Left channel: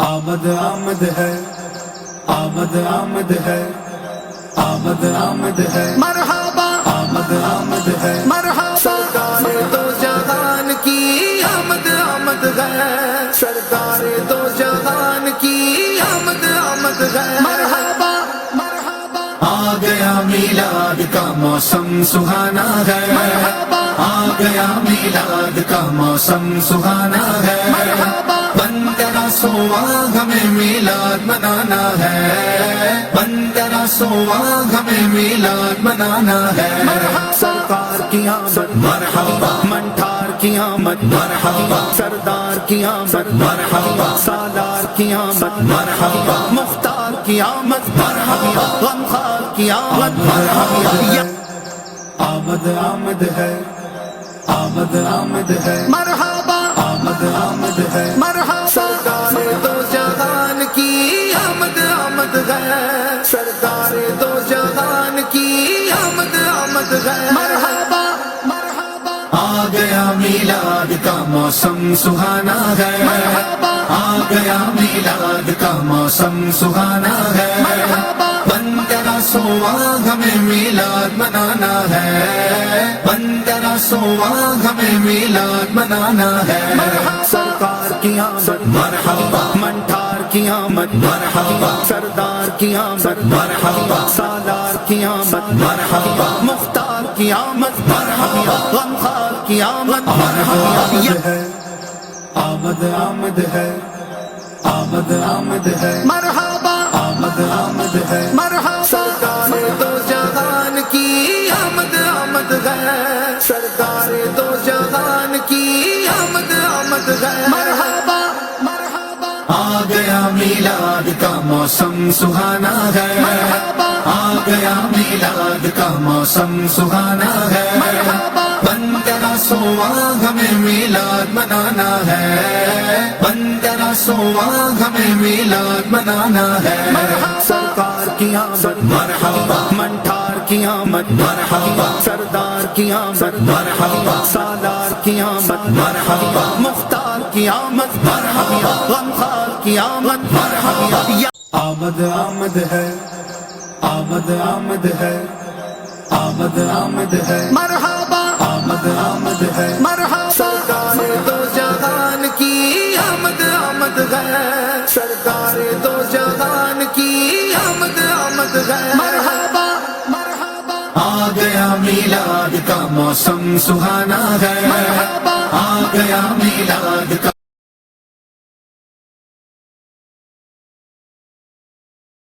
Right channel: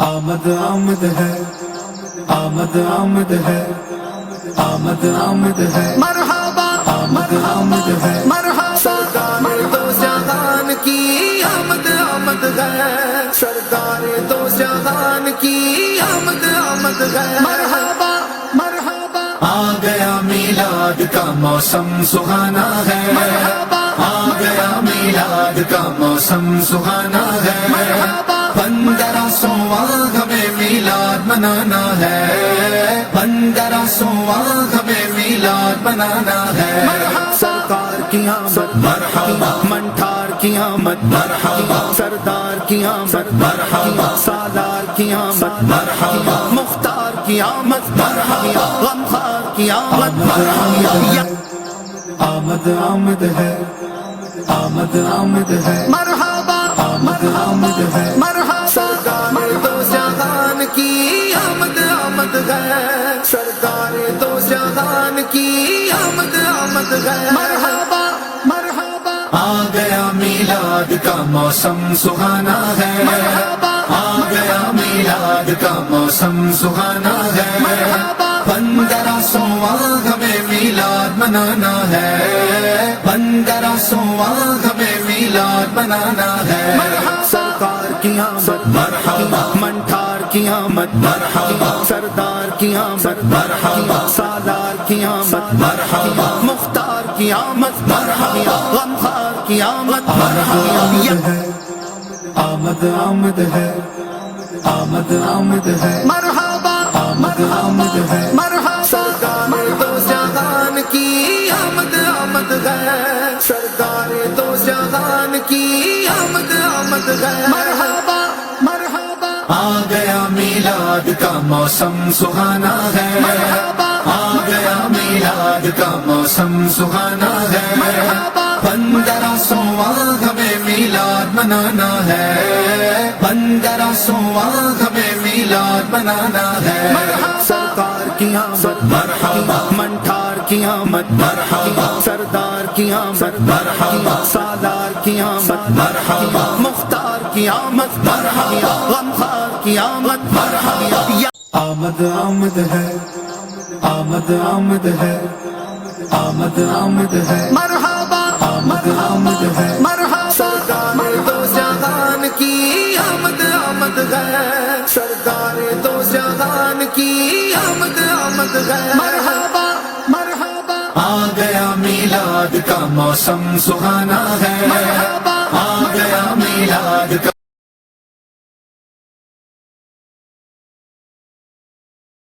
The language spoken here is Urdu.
آمد آمد ہے، آمد آمد ہے، آمد آمد ہے، مرحبا آمد آمد ہے، مرحبا سرکار دو جہان کی آمد آمد ہے، سرکار دو جہان کی آمد آمد ہے، مرحبا مرحبا آ گیا میلاد کا موسم سہانا ہے، مرحبا آ گیا میلاد کا موسم سہانا ہے، مرحبا 1500واں ہمیں میلاد منانا ہے، 1500واں ہمیں میلاد منانا ہے، مرحبا سرکار کی آمد مرحبا، منٹھار کی آمد مرحبا، سردار کی آمد مرحبا، سالار کی آمد مرحبا، مختار کی آمد مرحبا، غمخوار کی آمد مرحبا، آمد آمد ہے، آمد آمد ہے، مرحبا آمد آمد ہے، مرحبا سرکار دو جہان کی آمد آمد ہے، سرکار دو جہان کی آمد آمد ہے، مرحبا مرحبا آ گیا میلاد کا موسم سہانا ہے، مرحبا آ گیا میلاد کا موسم سہانا ہے، مرحبا 1500واں ہمیں میلاد منانا ہے، 1500واں ہمیں میلاد منانا ہے، مرحبا سرکار کی آمد مرحبا، منٹھار کی آمد مرحبا، سردار کی آمد مرحبا، سالار کی آمد مرحبا، مختار کی آمد مرحبا، غمخوار کی آمد مرحبا، آمد آمد ہے، آمد آمد ہے، مرحبا آمد آمد ہے، مرحبا سرکار دو جہان کی آمد آمد ہے، سرکار دو جہان کی آمد آمد ہے، مرحبا مرحبا آ گیا میلاد کا موسم سہانا ہے، مرحبا آ گیا میلاد کا موسم سہانا ہے، مرحبا 1500واں ہمیں میلاد منانا ہے، 1500واں ہمیں میلاد منانا ہے، مرحبا سرکار کی آمد مرحبا، منٹھار کی آمد مرحبا، سردار کی آمد مرحبا، سالار کی آمد مرحبا، مختار کی آمد مرحبا، غمخوار کی آمد مرحبا، آمد آمد ہے، آمد آمد ہے، آمد آمد ہے، مرحبا آمد آمد ہے، مرحبا سرکار دو جہان کی آمد آمد ہے، سرکار دو جہان کی آمد آمد ہے، مرحبا مرحبا آ گیا میلاد کا موسم سہانا ہے، مرحبا آ گیا میلاد کا